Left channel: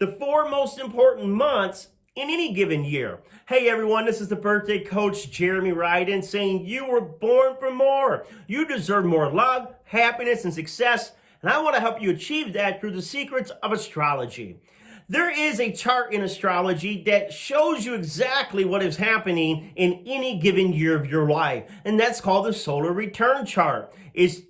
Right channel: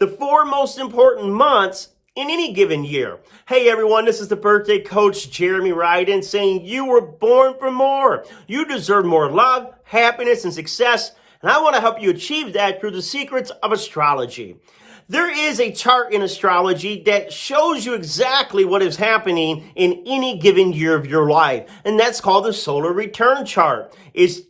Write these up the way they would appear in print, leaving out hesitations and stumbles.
The 4 most important months in any given year. Hey everyone, this is the birthday coach, Jeremy Riden, saying you were born for more. You deserve more love, happiness, and success, and I want to help you achieve that through the secrets of astrology. There is a chart in astrology that shows you exactly what is happening in any given year of your life, and that's called the solar return chart. It's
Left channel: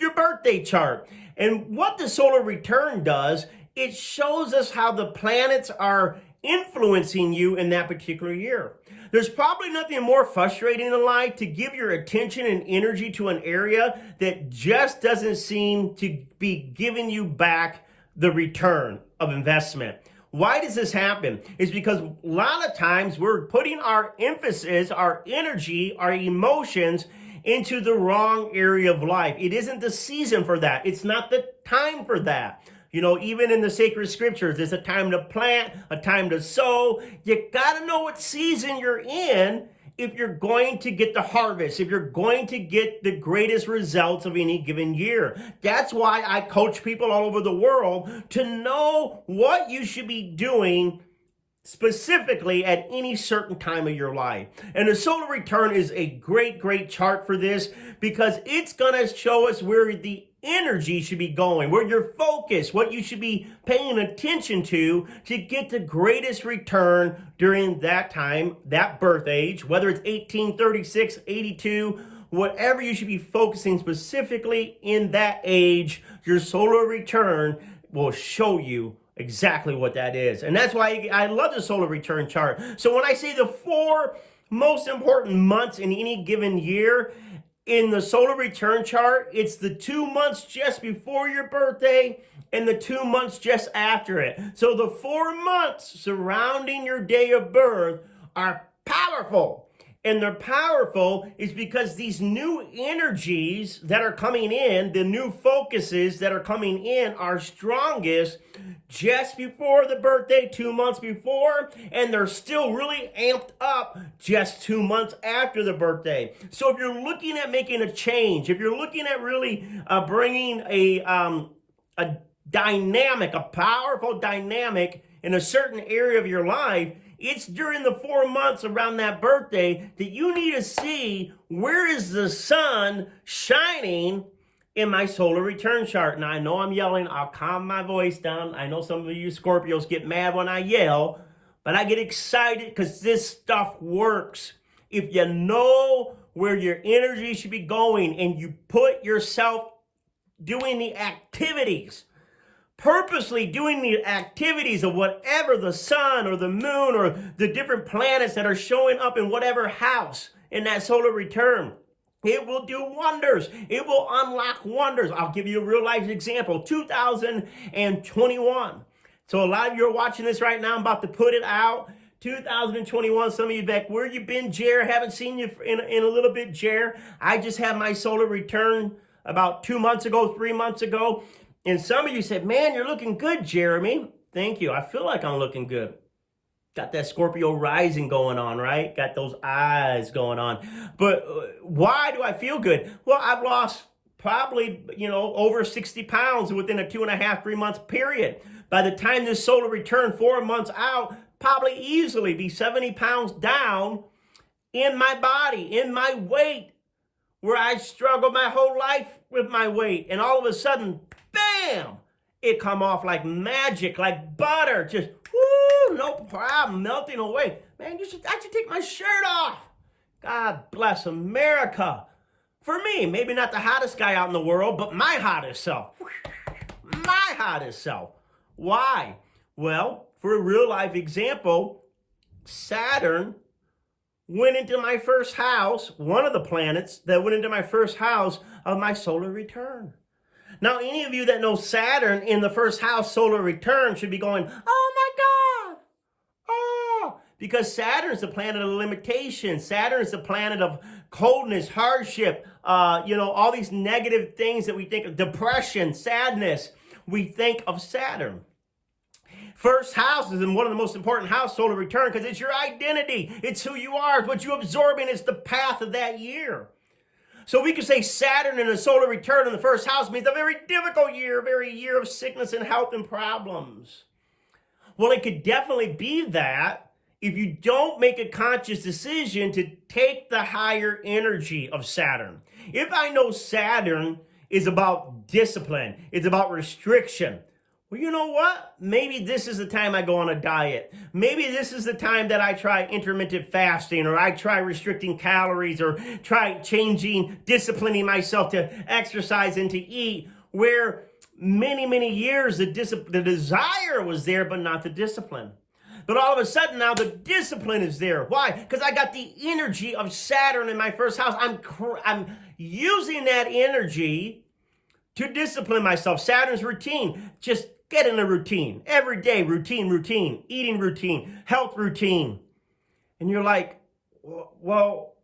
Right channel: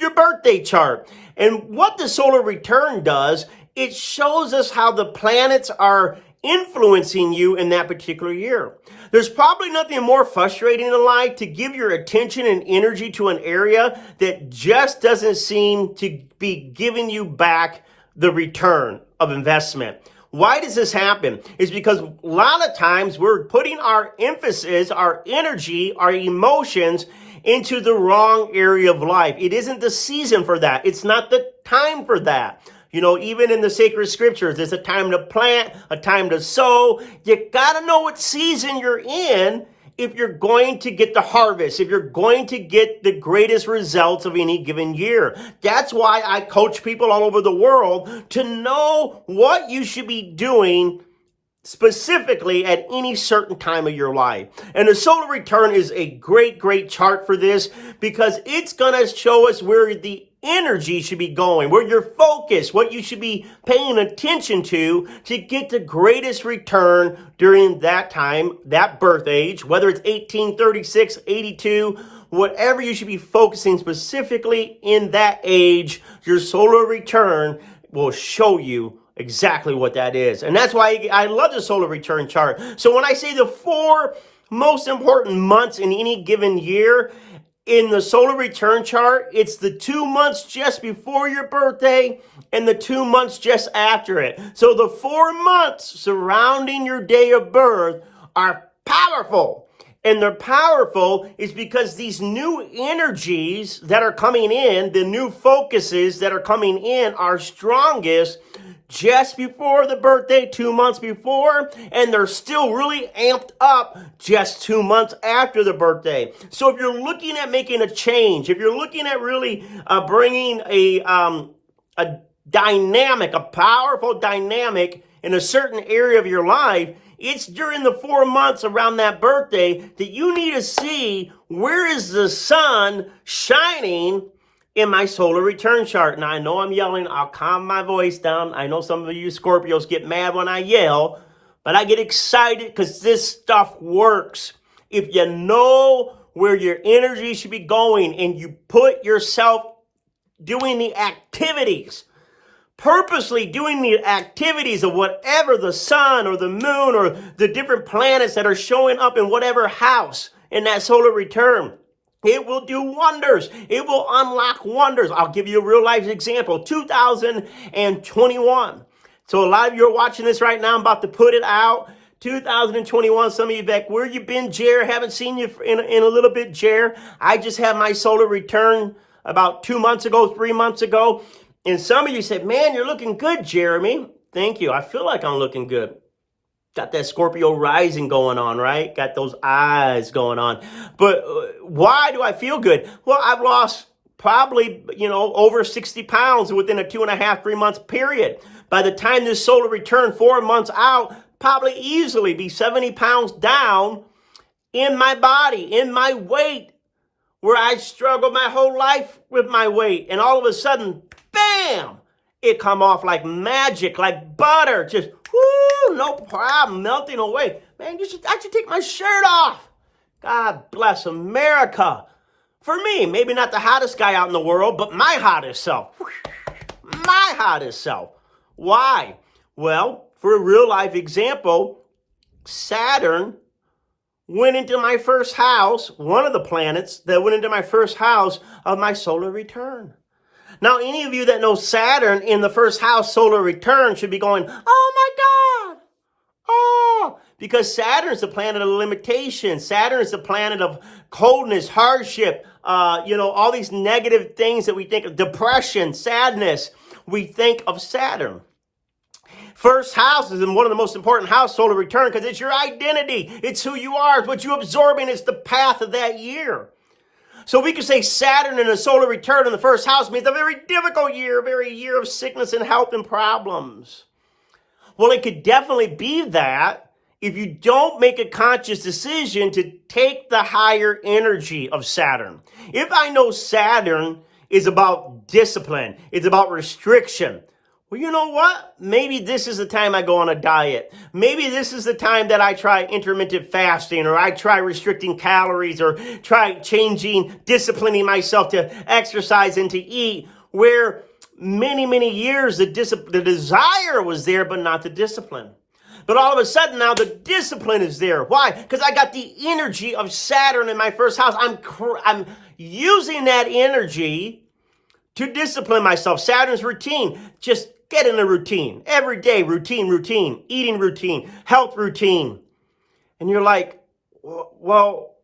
your birthday chart. And what the solar return does, it shows us how the planets are influencing you in that particular year. There's probably nothing more frustrating in life to give your attention and energy to an area that just doesn't seem to be giving you back the return of investment. Why does this happen? It's because a lot of times we're putting our emphasis, our energy, our emotions into the wrong area of life. It isn't the season for that. It's not the time for that. You know, even in the sacred scriptures, there's a time to plant, a time to sow. You got to know what season you're in if you're going to get the harvest, if you're going to get the greatest results of any given year. That's why I coach people all over the world to know what you should be doing specifically at any certain time of your life. And the solar return is a great chart for this because it's going to show us where the energy should be going, where your focus, what you should be paying attention to get the greatest return during that time, that birth age, whether it's 18, 36, 82, whatever you should be focusing specifically in that age, your solar return will show you exactly what that is. And that's why I love the solar return chart. So when I say the 4 most important months in any given year, in the solar return chart, it's the 2 months just before your birthday and the 2 months just after it. So the 4 months surrounding your day of birth are powerful. And they're powerful is because these new energies that are coming in, the new focuses that are coming in are strongest just before the birthday, 2 months before, and they're still really amped up just 2 months after the birthday. So if you're looking at making a change, if you're looking at really bringing a dynamic, a powerful dynamic in a certain area of your life, it's during the 4 months around that birthday that you need to see where is the sun shining in my solar return chart. Now, I know I'm yelling. I'll calm my voice down. I know some of you Scorpios get mad when I yell, but I get excited because this stuff works. If you know where your energy should be going and you put yourself doing the activities, purposely doing the activities of whatever the sun or the moon or the different planets that are showing up in whatever house in that solar return, it will do wonders. It will unlock wonders. I'll give you a real life example. 2021. So a lot of you are watching this right now. I'm about to put it out. 2021. Some of you back, where you been, Jer? Haven't seen you in a little bit, Jer. I just had my solar return about 2 months ago, 3 months ago. And some of you said, man, you're looking good, Jeremy. Thank you. I feel like I'm looking good. Got that Scorpio rising going on, right? Got those eyes going on. But why do I feel good? Well, I've lost probably, over 60 pounds within a 2.5, 3 months period. By the time this solar return 4 months out, probably easily be 70 pounds down in my body, in my weight, where I struggled my whole life with my weight. And all of a sudden, bam, it come off like magic, like butter, just whoo, no problem, melting away. Man, I should take my shirt off. God bless America. For me, maybe not the hottest guy out in the world, but my hottest self. My hottest self. Why? Well, for a real life example, Saturn went into my first house, one of the planets that went into my first house of my solar return. Now, any of you that know Saturn in the first house solar return should be going, oh my God, oh, because Saturn is the planet of limitation. Saturn is the planet of coldness, hardship, all these negative things that we think of, depression, sadness, we think of Saturn. First house is one of the most important house, solar return, because it's your identity. It's who you are. It's what you absorb, and it's the path of that year. So we could say Saturn in a solar return in the first house means a very difficult year, a very year of sickness and health and problems. Well, it could definitely be that if you don't make a conscious decision to take the higher energy of Saturn. If I know Saturn is about discipline, it's about restriction, well, you know what? Maybe this is the time I go on a diet. Maybe this is the time that I try intermittent fasting, or I try restricting calories, or try disciplining myself to exercise and to eat, where many years the desire was there, but not the discipline. But all of a sudden now the discipline is there. Why? Because I got the energy of Saturn in my first house. I'm using that energy to discipline myself. Saturn's routine. Just get in a routine. Every day, routine. Eating routine. Health routine. And you're like, well,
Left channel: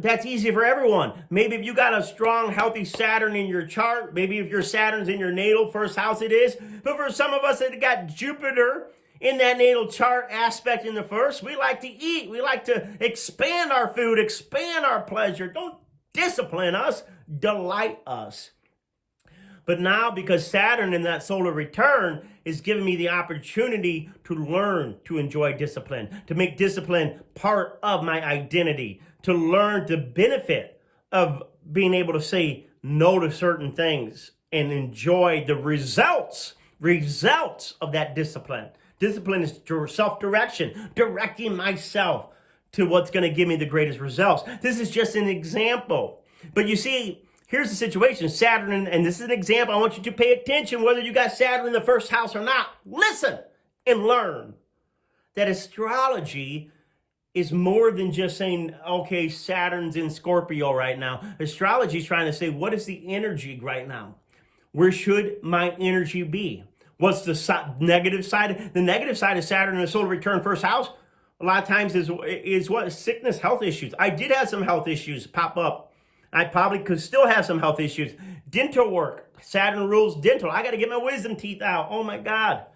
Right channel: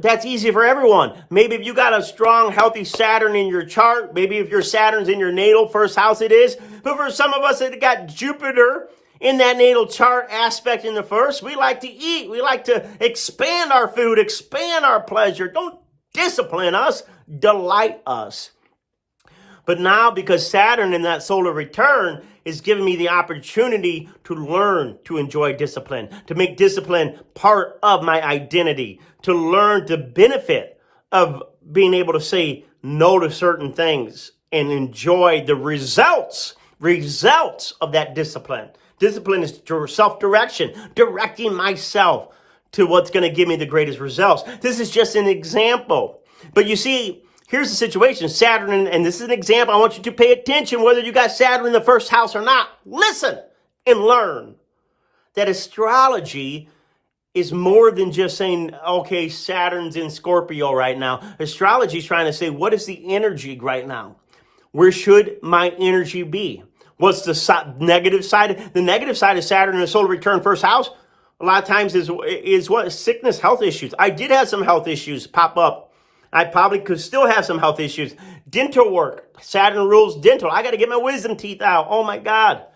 that's easy for everyone. Maybe if you got a strong, healthy Saturn in your chart, maybe if your Saturn's in your natal first house, it is. But for some of us that got Jupiter in that natal chart aspect in the first, we like to eat. We like to expand our food, expand our pleasure. Don't discipline us, delight us. But now, because Saturn in that solar return is giving me the opportunity to learn to enjoy discipline, to make discipline part of my identity, to learn the benefit of being able to say no to certain things and enjoy the results of that discipline. Discipline is self-direction, directing myself to what's going to give me the greatest results. This is just an example. But you see, here's the situation. Saturn, and this is an example. I want you to pay attention whether you got Saturn in the first house or not. Listen and learn that astrology is more than just saying, okay, Saturn's in Scorpio right now. Astrology is trying to say, what is the energy right now? Where should my energy be? What's the negative side? The negative side of Saturn in the solar return first house, a lot of times is what? Sickness, health issues. I did have some health issues pop up. I probably could still have some health issues. Dental work. Saturn rules dental. I got to get my wisdom teeth out. Oh my God.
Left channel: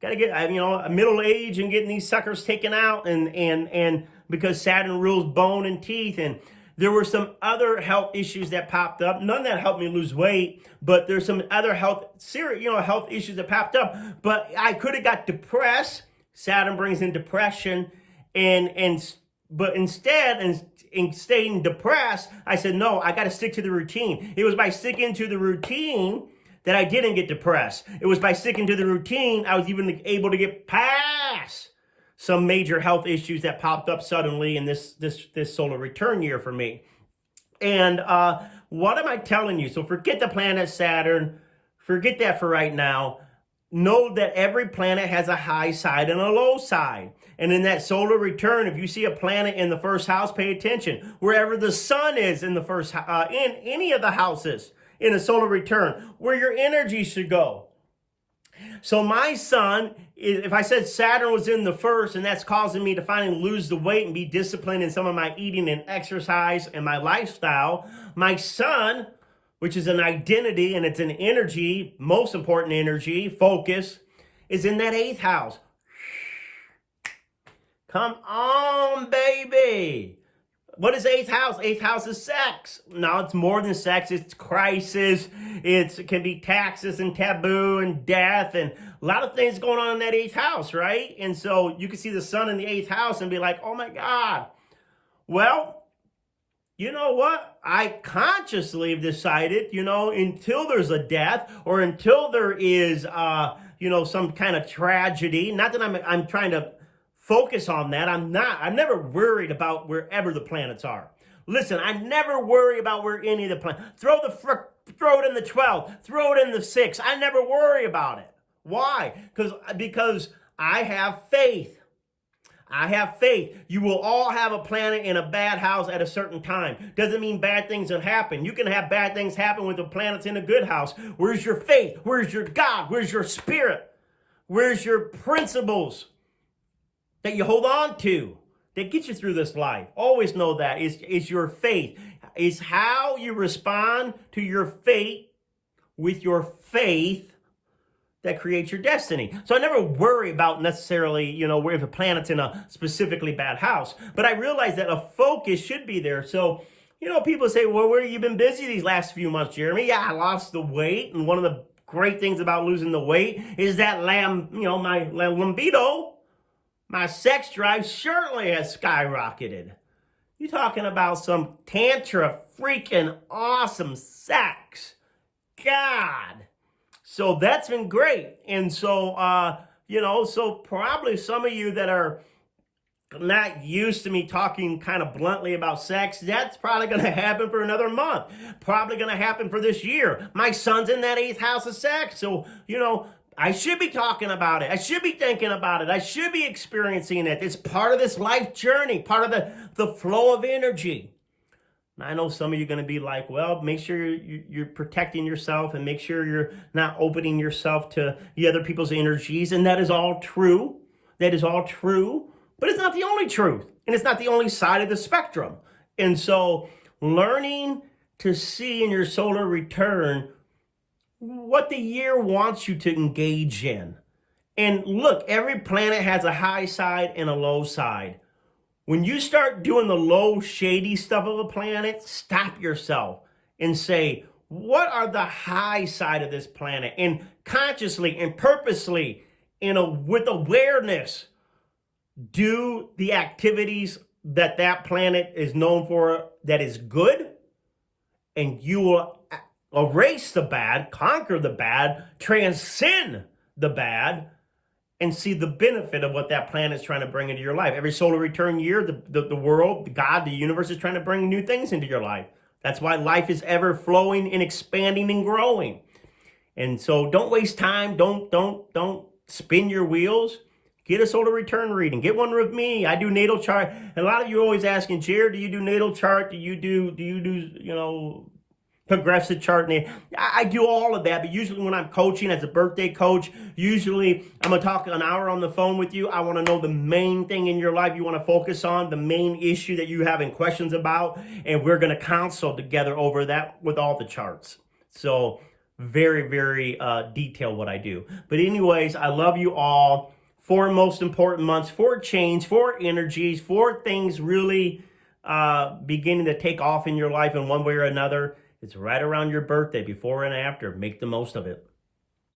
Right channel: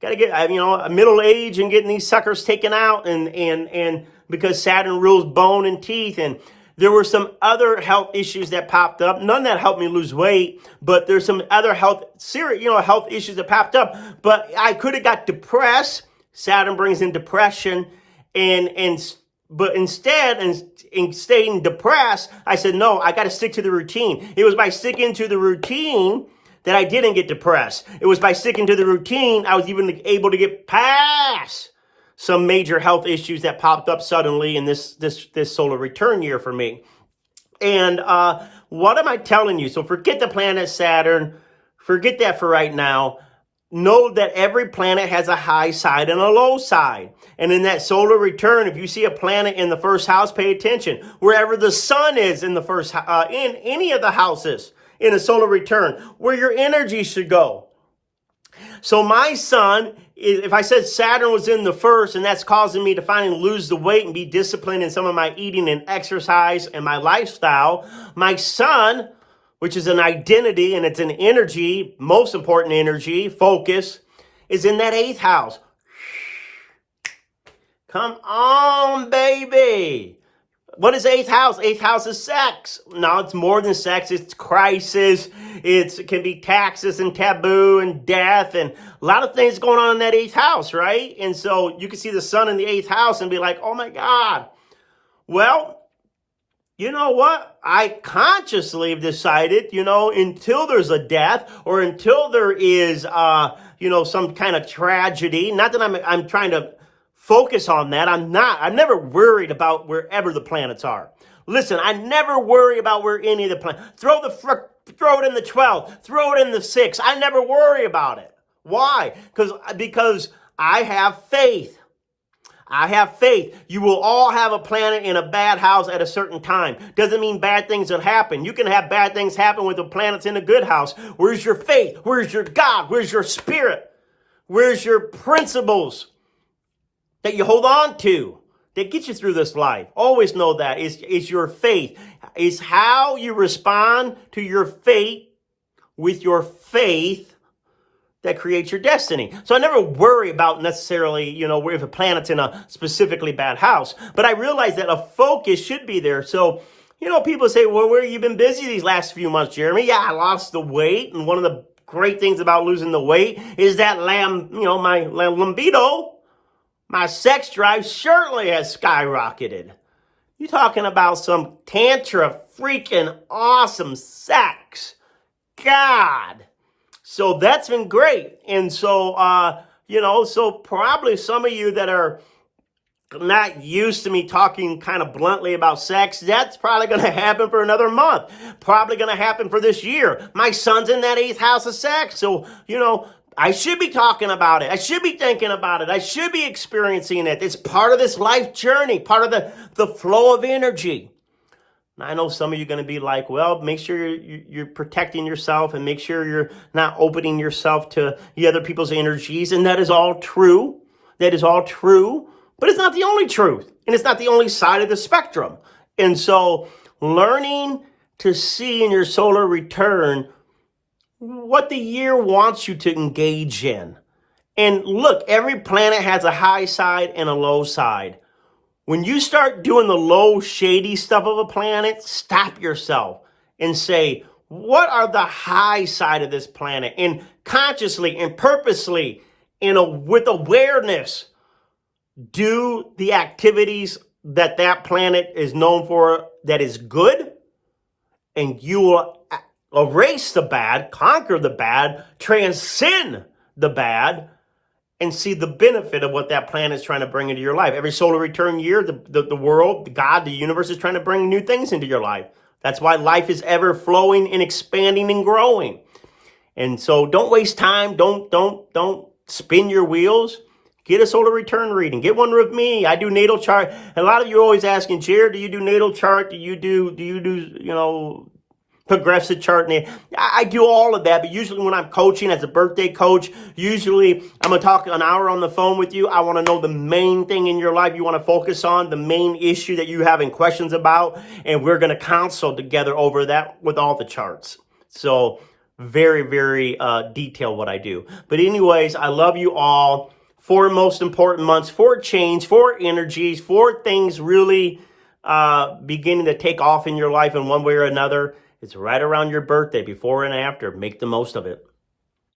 Got to get, a middle age and getting these suckers taken out, and because Saturn rules bone and teeth. And there were some other health issues that popped up. None that helped me lose weight, but there's some other health issues that popped up. But I could have got depressed. Saturn brings in depression, but instead, in staying depressed, I said, no, I got to stick to the routine. It was by sticking to the routine that I didn't get depressed. It was by sticking to the routine I was even able to get past some major health issues that popped up suddenly in this solar return year for me. And what am I telling you? So forget the planet Saturn. Forget that for right now. Know that every planet has a high side and a low side. And in that solar return, if you see a planet in the first house, pay attention. Wherever the sun is in the first, in any of the houses in a solar return, where your energy should go. So my sun, if I said Saturn was in the first, and that's causing me to finally lose the weight and be disciplined in some of my eating and exercise and my lifestyle, my sun, which is an identity and it's an energy, most important energy, focus, is in that 8th house. Come on, baby. What is 8th house? 8th house is sex. No, it's more than sex. It's crisis. It can be taxes and taboo and death and a lot of things going on in that 8th house, right? And so you can see the sun in the 8th house and be like, oh my God. Well, you know what? I consciously have decided, until there's a death or until there is, some kind of tragedy, not that I'm trying to focus on that. I'm never worried about wherever the planets are. Listen, I never worry about where any of the planets. Throw it in the 12th. Throw it in the 6th. I never worry about it. Why? Because I have faith. I have faith. You will all have a planet in a bad house at a certain time. Doesn't mean bad things will happen. You can have bad things happen with the planets in a good house. Where's your faith? Where's your God? Where's your spirit? Where's your principles that you hold on to that get you through this life? Always know that is your faith. Is how you respond to your fate with your faith that creates your destiny. So I never worry about necessarily, where if a planet's in a specifically bad house. But I realize that a focus should be there. So, people say, well, where have you been busy these last few months, Jeremy? Yeah, I lost the weight. And one of the great things about losing the weight is that my libido, my sex drive certainly has skyrocketed. You're talking about some tantra freaking awesome sex. God. So that's been great. And so, so probably some of you that are not used to me talking kind of bluntly about sex, that's probably going to happen for another month. Probably going to happen for this year. My son's in that 8th house of sex. So, I should be talking about it. I should be thinking about it. I should be experiencing it. It's part of this life journey, part of the flow of energy. I know some of you are going to be like, well, make sure you're protecting yourself and make sure you're not opening yourself to the other people's energies. And that is all true. That is all true. But it's not the only truth. And it's not the only side of the spectrum. And so learning to see in your solar return what the year wants you to engage in. And look, every planet has a high side and a low side. When you start doing the low, shady stuff of a planet, stop yourself and say, what are the high side of this planet? And consciously and purposely, with awareness, do the activities that planet is known for that is good, and you will erase the bad, conquer the bad, transcend the bad, and see the benefit of what that planet is trying to bring into your life. Every solar return year, the world, God, the universe is trying to bring new things into your life. That's why life is ever flowing and expanding and growing. And so don't waste time. Don't spin your wheels. Get a solar return reading. Get one with me. I do natal chart. And a lot of you are always asking, Jared, do you do natal chart? Do you do progressive chart? I do all of that, but usually when I'm coaching as a birthday coach, usually I'm going to talk an hour on the phone with you. I want to know the main thing in your life you want to focus on, the main issue that you having questions about, and we're going to consult together over that with all the charts. So very, very detailed what I do. But anyways, I love you all. 4 most important months for change, for energies, for things really beginning to take off in your life in one way or another. It's right around your birthday, before and after. Make the most of it.